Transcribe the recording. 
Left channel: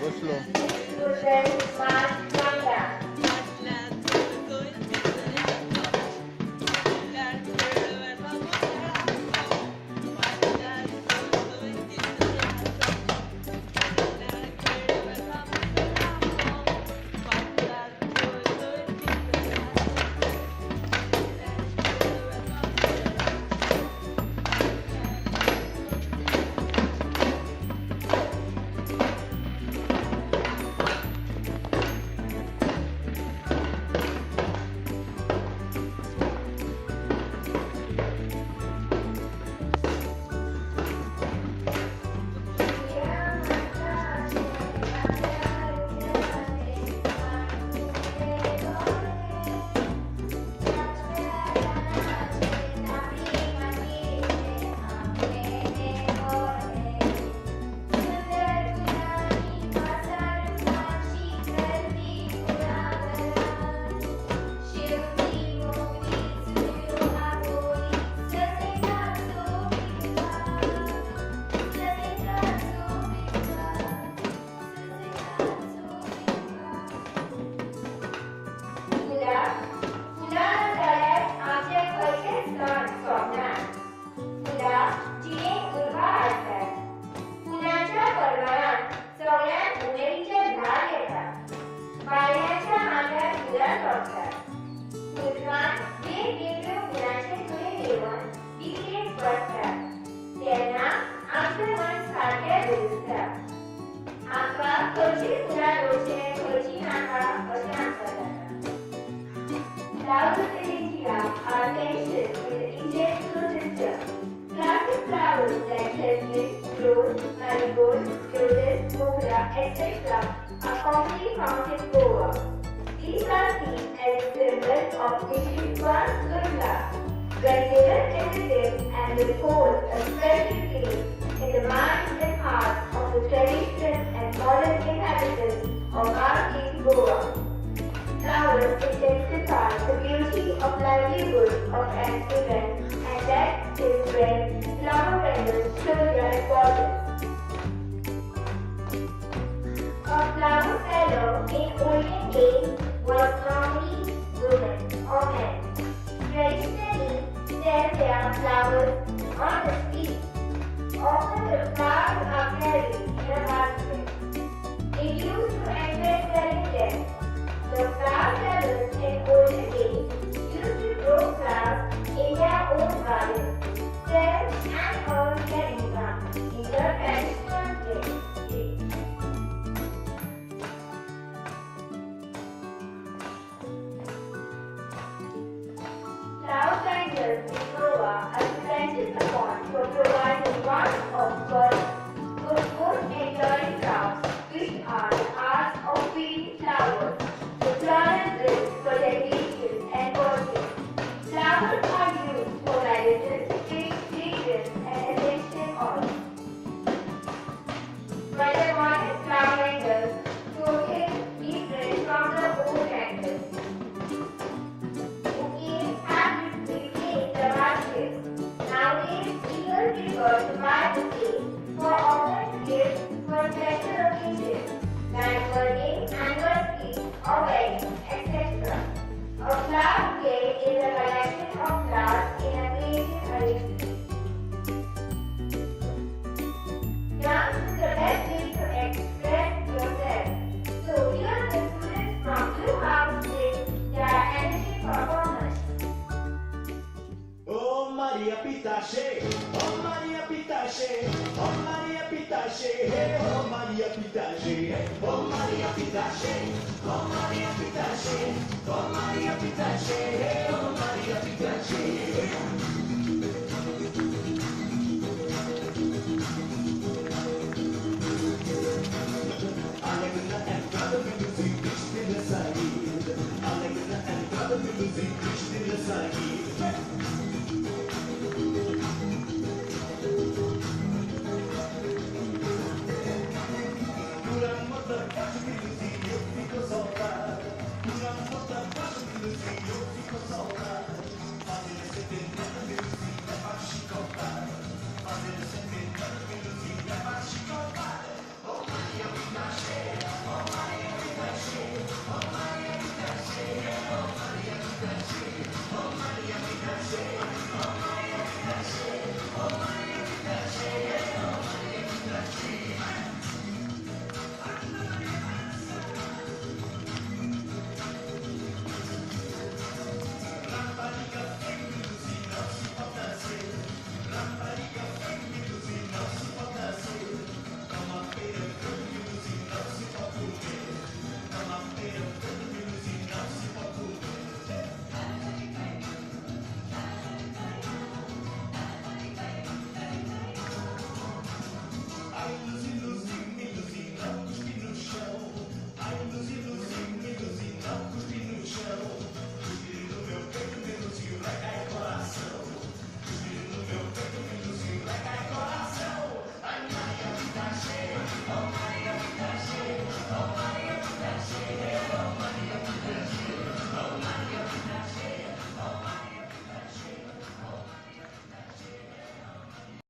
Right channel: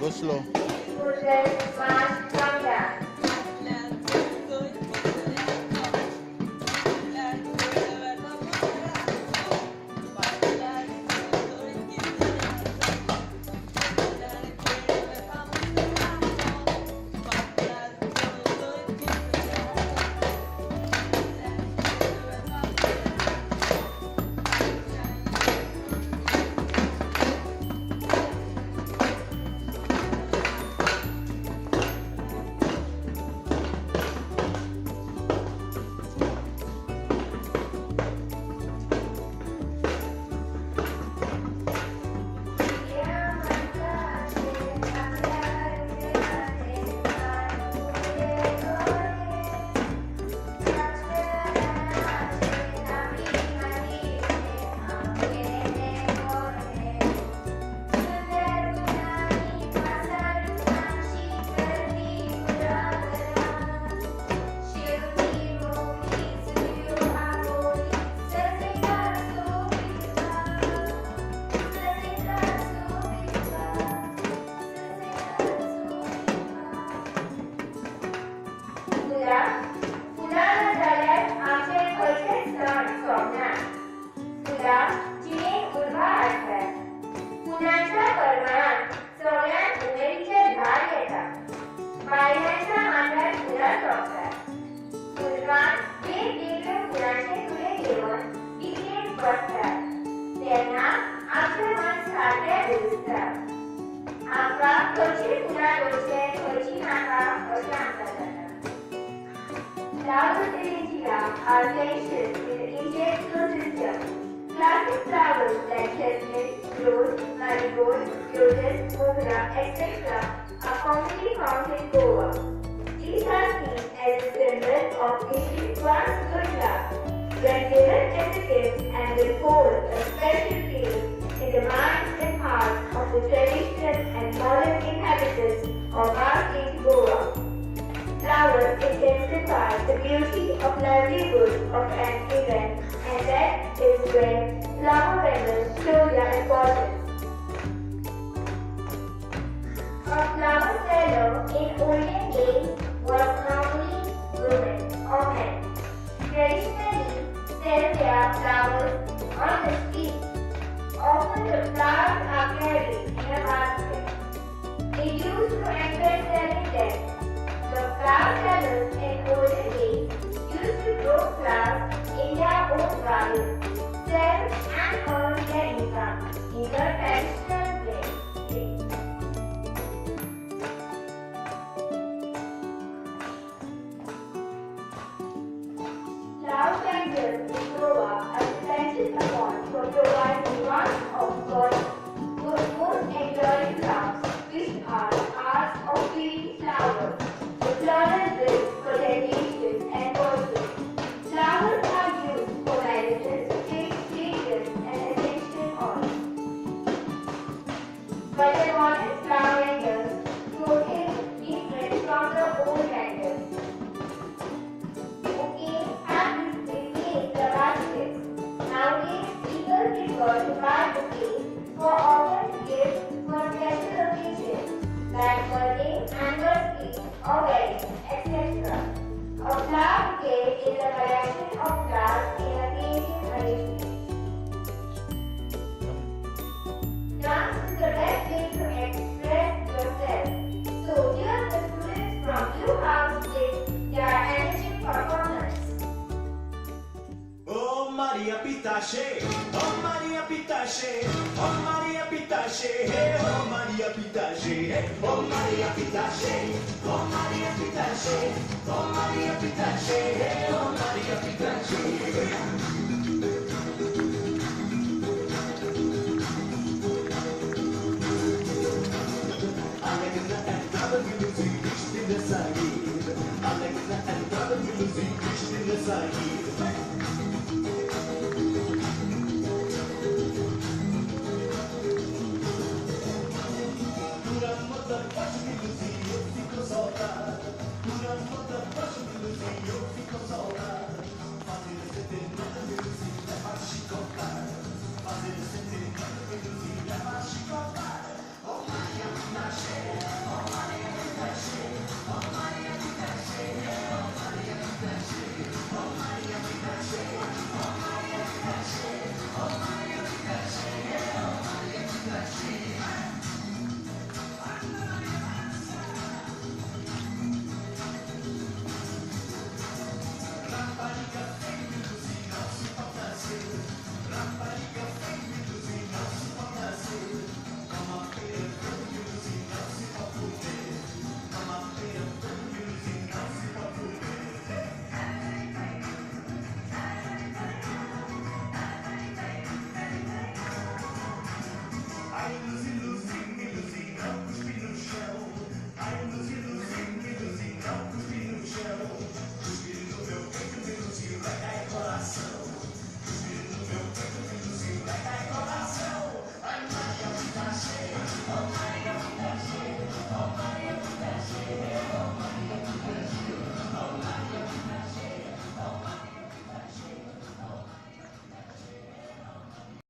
Go slow. Student March Manda. फुला फुलाला झाल्यास आमचे खयचे सण सोबनात फुला जिणेक उर्बा हाडटात फुलांच्या परमळांत सगळ्यांत उमेदीचे धार येतात बायलांच्या मांड्यार फुलां सोबतात मुलगान वेगवेगळ्या फुलांचे तुळे घेवन इकडेक बसतात तेन्ना आमचें मन सारकें दुरुसता आमकां खंयची फुलां घेवचें खंयची नाका अशें आमकां जाता Flowers in India are mentioned in the Indian ecosystem. Classic flowers like jasmine, rose, marigold, lotus, mogra, etc. are commonly found in Goa. These are seen as a symbol of wishing one's good luck. When given as a gift and will hold a special place in the minds and hearts of the traditional and modern inhabitants of our in Goa. Flowers intensify the beauty of livelihood of an event, and that is when flower vendors show their importance. A flower seller in olden days was normally women or men. Traditionally, sell their flowers on the street. Often the flowers are carried in a basket. They used to enjoy selling them. The flower sellers in olden days used to grow flowers in their own gardens, sell and earn their income in the traditional way. Flower vendors in Goa are dependent upon for providing one of God's most enduring crafts, which are arts of feeding flowers. The floral bricks for decorations and portraits. Flowers are used for medicines, fragrance, and essential oils. But the modern flower vendors quoted different from the old vendors. Bouquets have replaced the baskets. Nowadays, people prefer to buy bouquets for often gifts for special occasions like birthday, anniversary, or wedding, etc. A flower bouquet is a collection of flowers in a creative arrangement. Dance is the best way to express yourself. So here the students from Blue House with their energetic performance. Oh Maria Pitache, oh Maria Pitache, oh Maria Pitache, hey, oh Maria Pitache, hey, oh Maria Pitache, oh Maria Pitache, oh Maria Pitache, hey, oh Maria Pitache. Allegna entrava di music, Krishna Sagi. Allegna entrava di music, Krishna Sagi.